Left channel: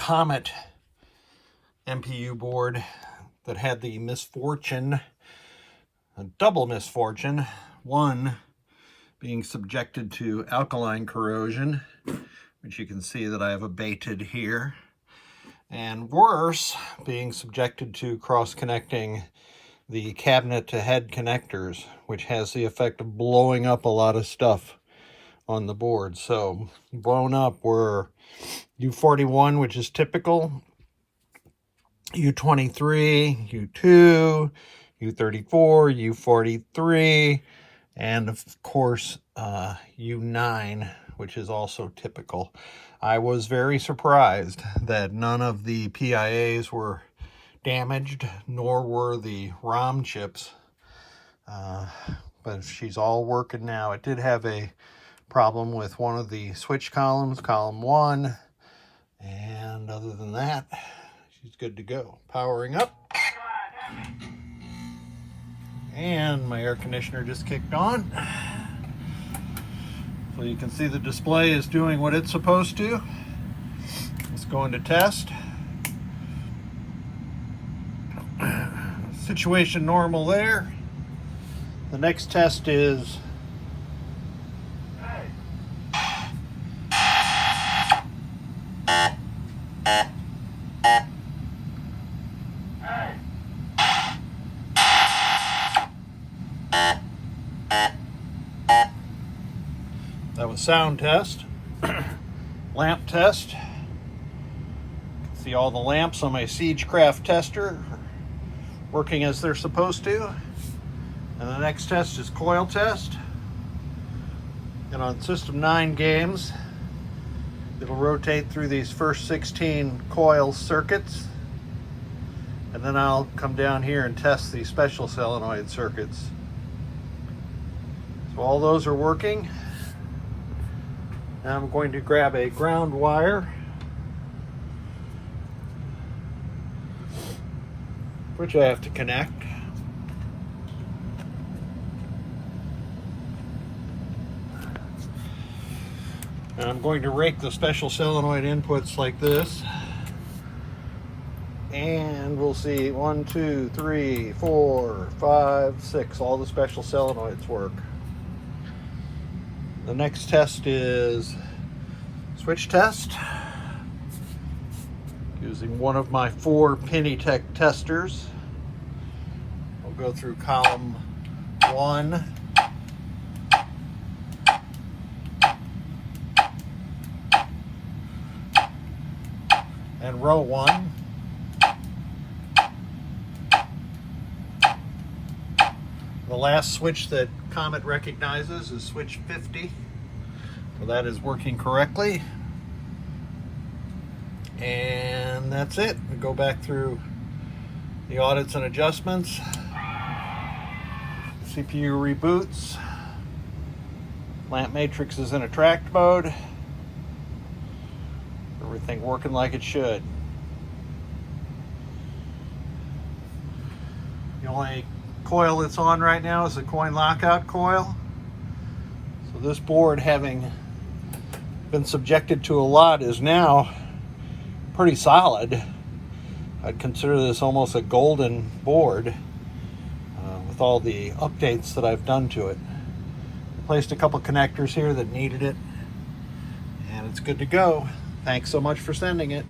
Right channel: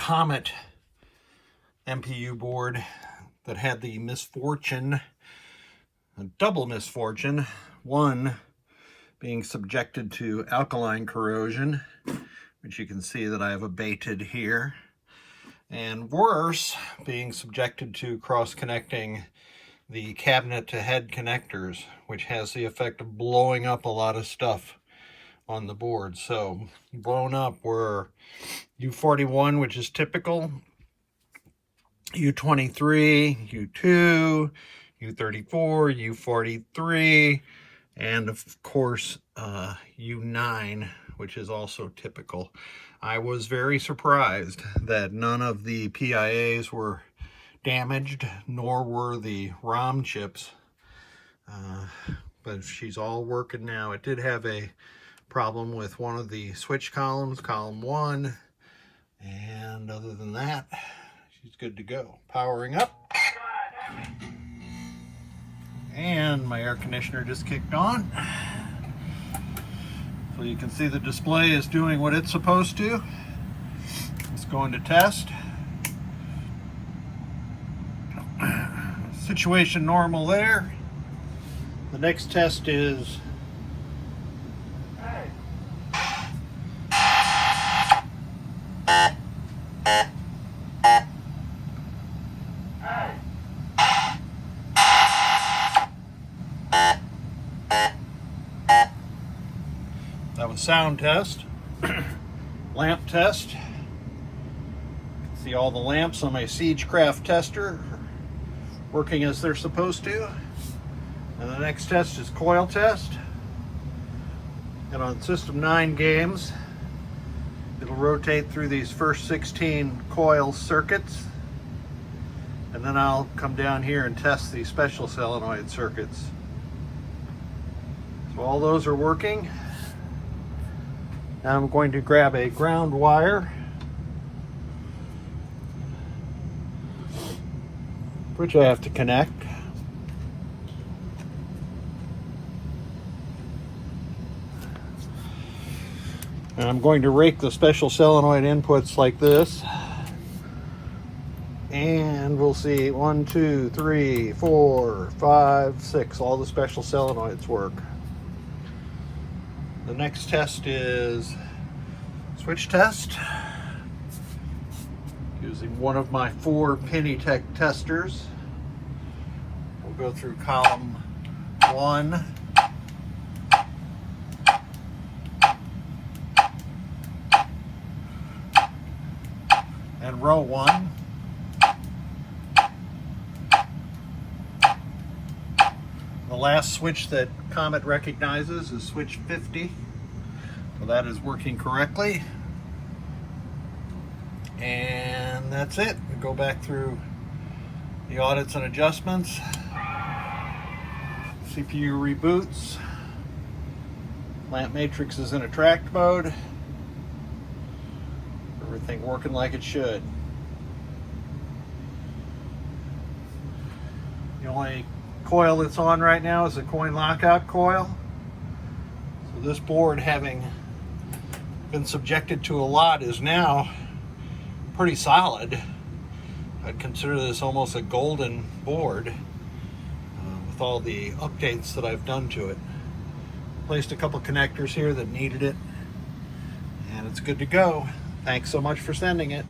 Comet MPU board that had the misfortune, a double misfortune, one being subjected to alkaline corrosion, which you can see that I have abated here, and worse, being subjected to cross-connecting the cabinet to head connectors, which has the effect of blowing up a lot of stuff on the board. So blown up were U41, which is typical, U23, U2, U34, U43, and of course U9, which is also typical. I was very surprised that none of the PIAs were damaged, nor were the ROM chips, but she's all working now. It did have a problem with one of the switch columns, column 1, and other than that, she's good to go. Powering up, and my air conditioner just kicked on, so you can see the display is doing what it's supposed to. Let's go into test. Situation normal there. The next test is that was sound test. Lamp test. See all the lamps on my Siegecraft tester working as they're supposed to. And the next test is coil test. And on System 9 games, it'll rotate through these first 16 coil circuits. And then I'll come down here and test the special solenoid circuits. So all those are working. Now I'm going to grab a ground wire, which I have to connect. And I'm going to rake the special solenoid inputs like this. And we'll see 1, 2, 3, 4, 5, 6. All the special solenoids work. The next test is switch test. Using one of my 4 Pennytech testers. We'll go through column 1. And row 1. The last switch that Comet recognizes is switch 50. So that is working correctly. And that's it. We go back through the audits and adjustments. CPU reboots. Lamp matrix is in attract mode. Everything working like it should. The only coil that's on right now is the coin lockout coil. So this board, having been subjected to a lot, is now pretty solid. I'd consider this almost a golden board with all the updates that I've done to it. Placed a couple connectors here that needed it, and it's good to go. Thanks so much for sending it.